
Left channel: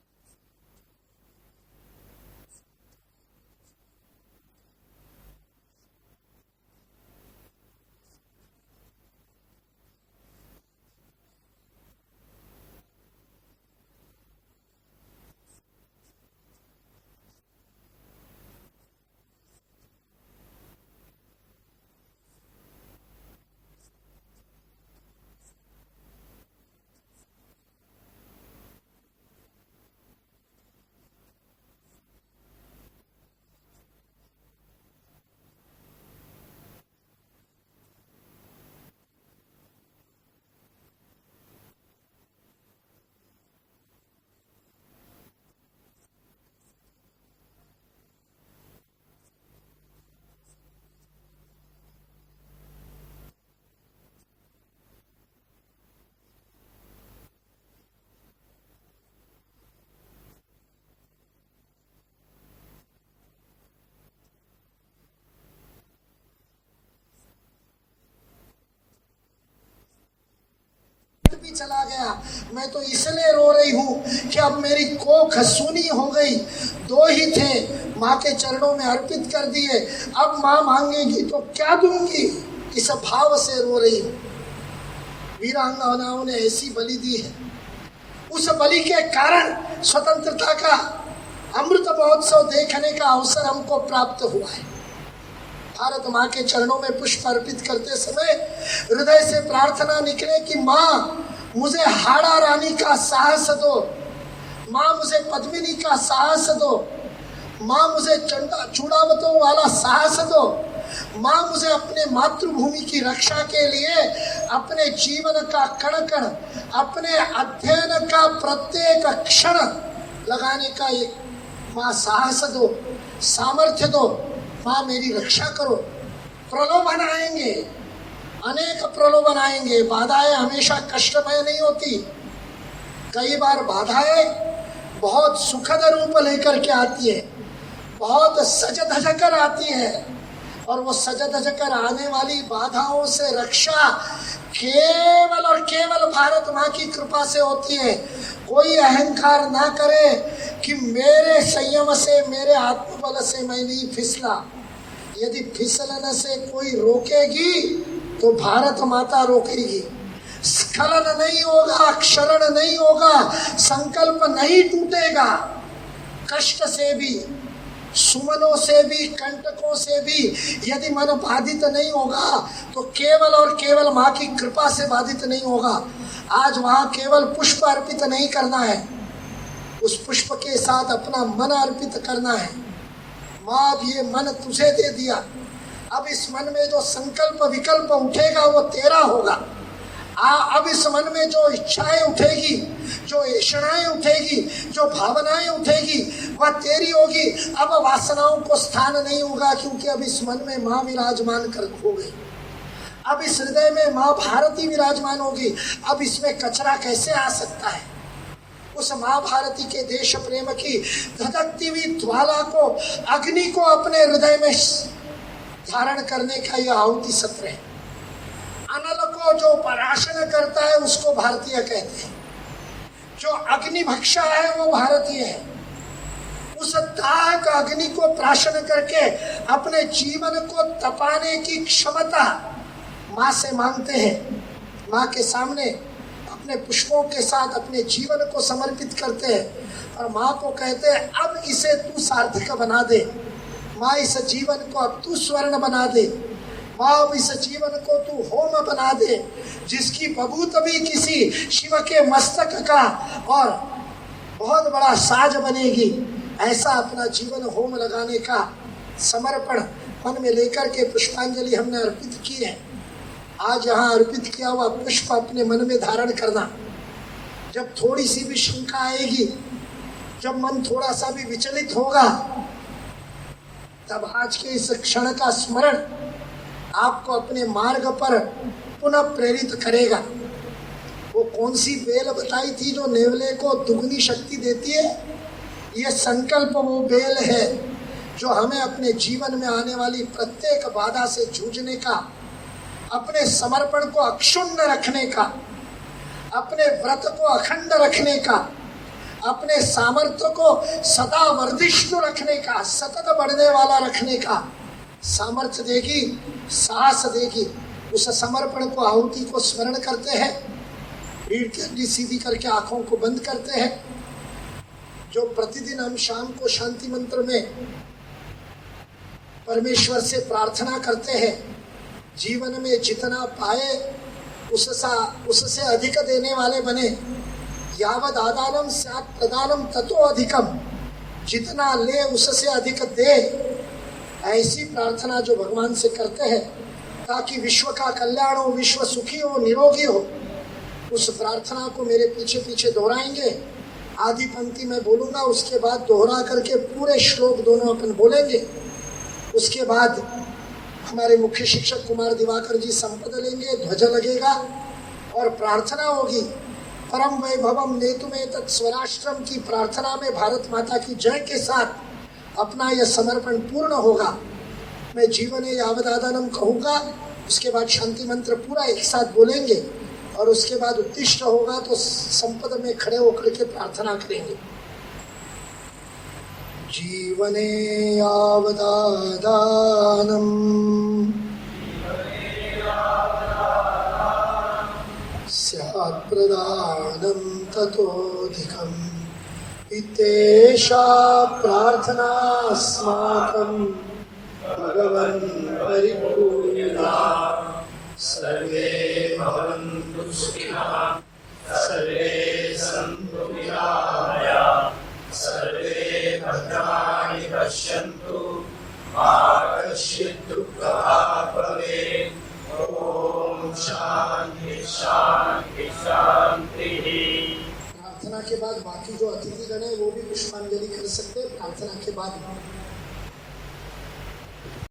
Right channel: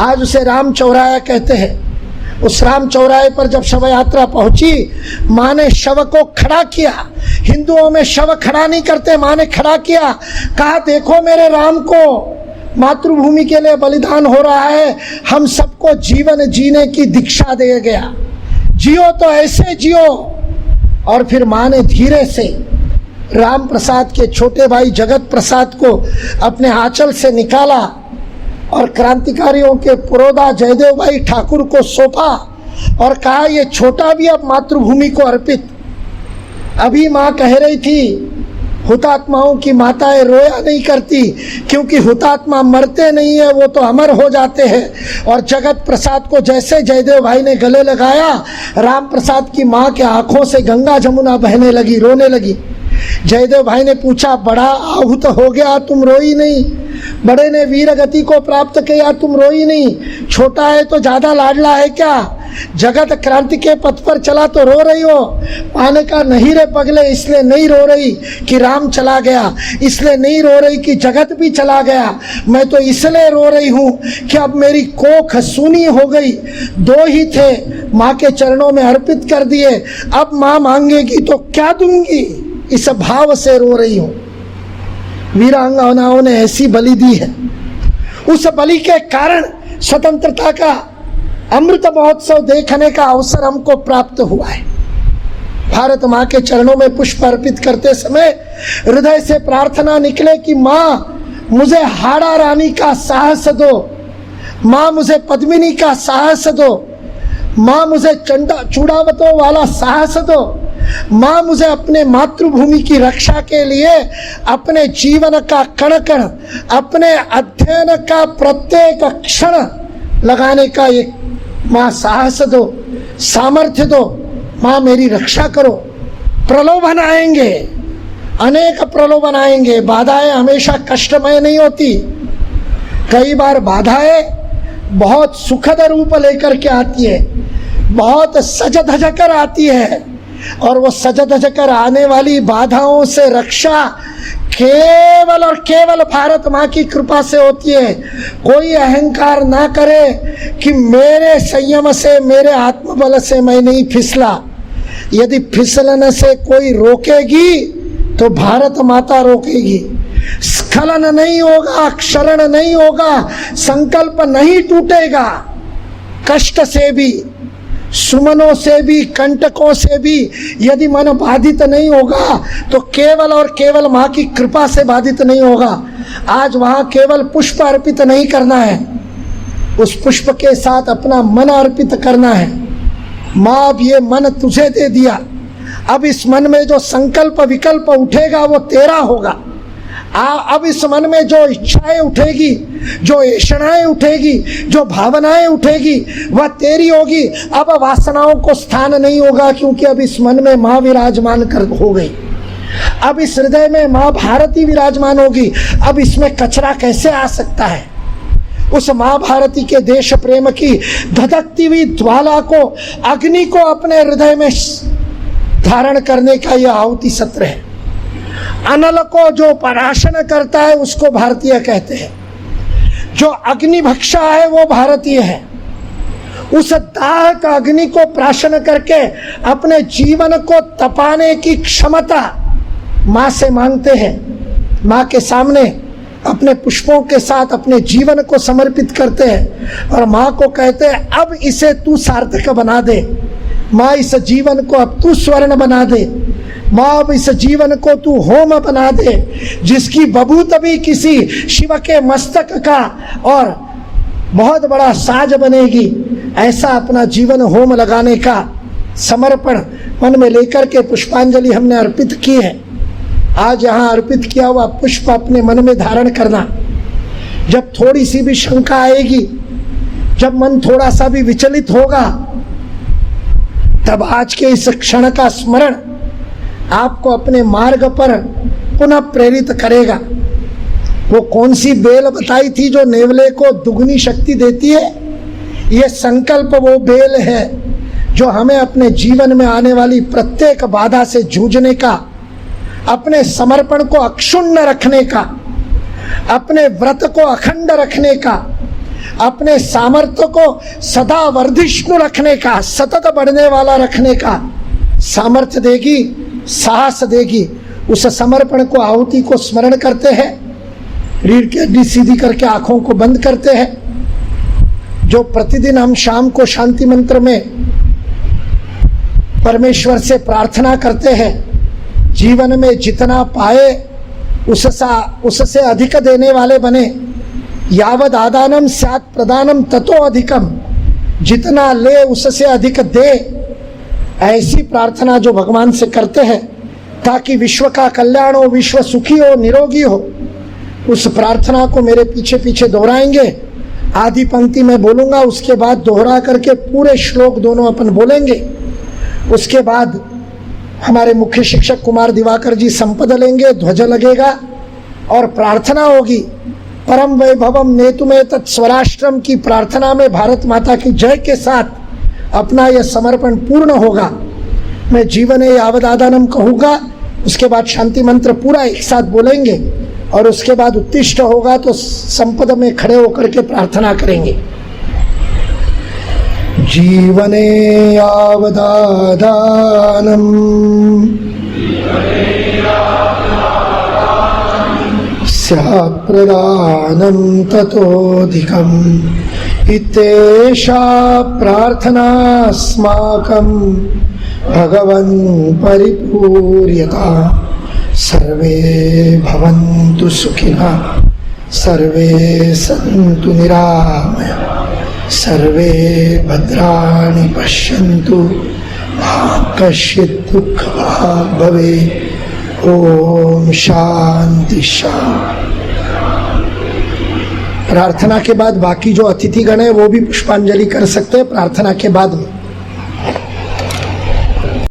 आज उसे राम चौराहा कहते हैं। उस राम चौराहे पर जब शव यात्रा पहुंची, माँ ने शव को खड़ा किया। हिंदुओं में शव खड़ा नहीं करते, माँ ने खड़ा किया, कहा देखो मेरे राम को मातृभूमि के लिए बलिदान हो रहा है, हम सबको जीवन जीने की दीक्षा दे गया, जियो तो ऐसे जियो। और फिर माँ ने धीरे से राम प्रसाद के छोटे भाई जगत प्रसाद को अपने आंचल से निकाला और क्रांतिकारियों के पुरोधा जयदेव भाई ठाकुर को सौंपा और कहा ये छोटा भी अब मातृभूमि को अर्पित। अभी माँ कह रही थी हुतात्माओं की माताएं रोया नहीं करती, क्योंकि हुतात्मा मरते नहीं है, वो तो अमर हो जाते हैं। और जगत प्रसाद को जैसे जयदेव भाई ने गले लगाया, राम प्रसाद की माँ के आंखों से गंगा जमुना बहने लगी, रोने लगी। जयदेव भाई ने पूछा बड़ा आहूत हो गया, तुम रोई नहीं? बड़े ने वीर गति को प्राप्त किया, तुम रोई नहीं? छोटा है तो ज्यादा लाडला है क्या? जगत क्रांति के पथ पर चला तो रो रही हो? पाने का नहीं रे पगले, इसलिए नहीं रो रही कि राम चला गया, इसलिए नहीं रो रही कि जगत भी चला गया। मैं तो इसलिए रो रही हूँ कि अब मेरी कोख सूनी हो गई। दो ही थे, माँ के चरणों में अर्पित कर दिए, अब माँ मांगेगी तो क्या दूंगी, इस भाव से रो रही हूँ। वीरांगनाओं ने ऐसी बलि दी है। उस बलि के कारण स्वतंत्रता का अमृत महोत्सव देखने का अवसर हमको प्राप्त हुआ है। भारत माँ के चरणों में पुष्प अर्पित करते समय हृदय से प्रार्थना निकले कि माँ मुझे हाड़ा रानी का साहस दो, माँ मुझे पद्मिनी का साहस दो, माँ मुझे चूड़ावतों वाला साहस दो, माँ मुझे अपने मातृभूमि की रक्षा के लिए अपने जीवन का कण कण, अपने अध्ययन का प्रत्येक क्षण लगाने का एक माँ साहस दो, सामर्थ्य दो। माँ मेरी रक्षा करो। प्रलोभन आएंगे, अनेक प्रलोभन आएंगे। बाधाएं हमेशा कष्टमय नहीं होती। कई बार बाधाएं बहुत सुखद रूप लेकर के आती है, बहुत सज धज कर आती है। और वो सज धज कर आने वाली बाधाओं से रक्षा केवल और केवल भारत माँ की कृपा से होती है। कोई अहंकार ना करे कि मेरे संयम से, मेरे आत्मबल से मैं नहीं फिसला। यदि फिसलने से कोई रोकेगी तो भारत माता रोकेगी। स्खलन नहीं होगा, क्षरण नहीं होगा, संकल्प नहीं टूटेगा। कष्ट से भी, सुमनों से भी, कंटकों से भी यदि मन बाधित नहीं होगा तो केवल और केवल माँ की कृपा से बाधित नहीं होगा। आज वहाँ केवल पुष्प अर्पित नहीं करना है, उस पुष्प के साथ अपना मन अर्पित करना है। माँ अब ये मन तुझे दे दिया, अब इस मन में जो संकल्प विकल्प उठेगा वो तेरा होगा। अब इस मन में जो इच्छाएं उठेगी, जो ऐषणाएं उठेगी, जो भावनाएं उठेगी वह तेरी होगी। अब वासनाओं को स्थान नहीं होगा, क्योंकि अब इस मन में माँ विराजमान कर हो गई। अब इस हृदय में माँ भारती विराजमान होगी। अब इसमें कचरा कैसे आ सकता है? उस माँ भारती के देश प्रेम की धधकती हुई ज्वाला को, अग्नि को अपने हृदय में धारण करने का यह आहुति सत्र है। अनल को जो पराशण करता है उसको भारतीय कहते हैं। जो अग्निभक्षा है वो भारतीय है। उस दाहक अग्नि को प्राशन करके अपने जीवन को तपाने की क्षमता माँ से मांगते हैं। माँ के सामने अपने पुष्पों के साथ अपने जीवन को समर्पित करते हैं और माँ को कहते हैं अब इसे तू सार्थक बना दे। माँ इस जीवन को अब तू स्वर्ण बना दे। माँ अब इस जीवन को तू होम बना दे, जिसकी बबूत भी किसी शिव के मस्तक का और बहुत बड़ा साज बनेगी। ऐसा अपना जीवन होम लगाने का समर्पण मन में लेकर के पुष्पांजलि हमने अर्पित की है। आज यहाँ अर्पित किया हुआ पुष्प अपने मन में धारण करना। जब थोड़ी सी भी शंका आएगी, जब मन थोड़ा सा भी विचलित होगा, तब आज के इस क्षण का स्मरण आपको अपने मार्ग पर पुनः प्रेरित करेगा। वो कौन सी बेल बताई थी जो नेवले को दुगनी शक्ति देती है? ये संकल्प वो बेल है जो हमें अपने जीवन में आने वाली प्रत्येक बाधा से जूझने का, अपने समर्पण को अक्षुण्ण रखने का, अपने व्रत को अखंड रखने का, अपने सामर्थ्य को सदा वर्धिष्णु रखने का, सतत बढ़ने वाला रखने का सामर्थ्य देगी, साहस देगी। उस समर्पण को, आहुति को स्मरण करते हैं। रीढ़ की हड्डी सीधी करके आंखों को बंद करते हैं। जो प्रतिदिन हम शाम को शांति मंत्र में परमेश्वर से प्रार्थना करते हैं, जीवन में जितना पाए उससे अधिक देने वाले बने। यावद आदानम स्यात् प्रदानम ततो अधिकम, जितना ले उससे अधिक दे। ऐसी प्रार्थना जो भगवान से करते हैं ताकि विश्व का कल्याण हो, विश्व सुखी हो, निरोगी हो, उस प्रार्थना को मेरे पीछे पीछे दोहराएंगे। आधी पंक्ति में बोलूंगा, उसके बाद दोहरा करके पूरे श्लोक दोनों अपन बोलेंगे। उसके बाद हमारे मुख्य शिक्षक कुमार दिवाकर जी संपद लेंगे, ध्वज लगेगा और प्रार्थना होगी। परम वैभवम नेतुमे तत् स्वराष्ट्रम की प्रार्थना में भारत माता की जय के साथ अपना यह समर्पण पूर्ण होगा। मैं जीवने यावदादानम कहूँगा, उसके बाद शांति मंत्र पूरा एक साथ बोलेंगे और उसके बाद उत्तिष्ठ होगा तो संपद में खड़े होकर के प्रार्थना करेंगे। जीवने यावदादानम स्यात् प्रदानं ततोऽधिकम् इत्येषा प्रार्थनास्माकं भगवन् परिपूर्यता। सर्वे भवन्तु सुखिनः, सर्वे सन्तु निरामयाः, सर्वे भद्राणि पश्यन्तु, मा कश्चित् दुःखभाग् भवेत्। ओम शांति शांति। प्रार्थना के बाद बाकी जो अतिथिगण है वो भी पुष्पांजलि कर सकते हैं प्रार्थना के बाद में।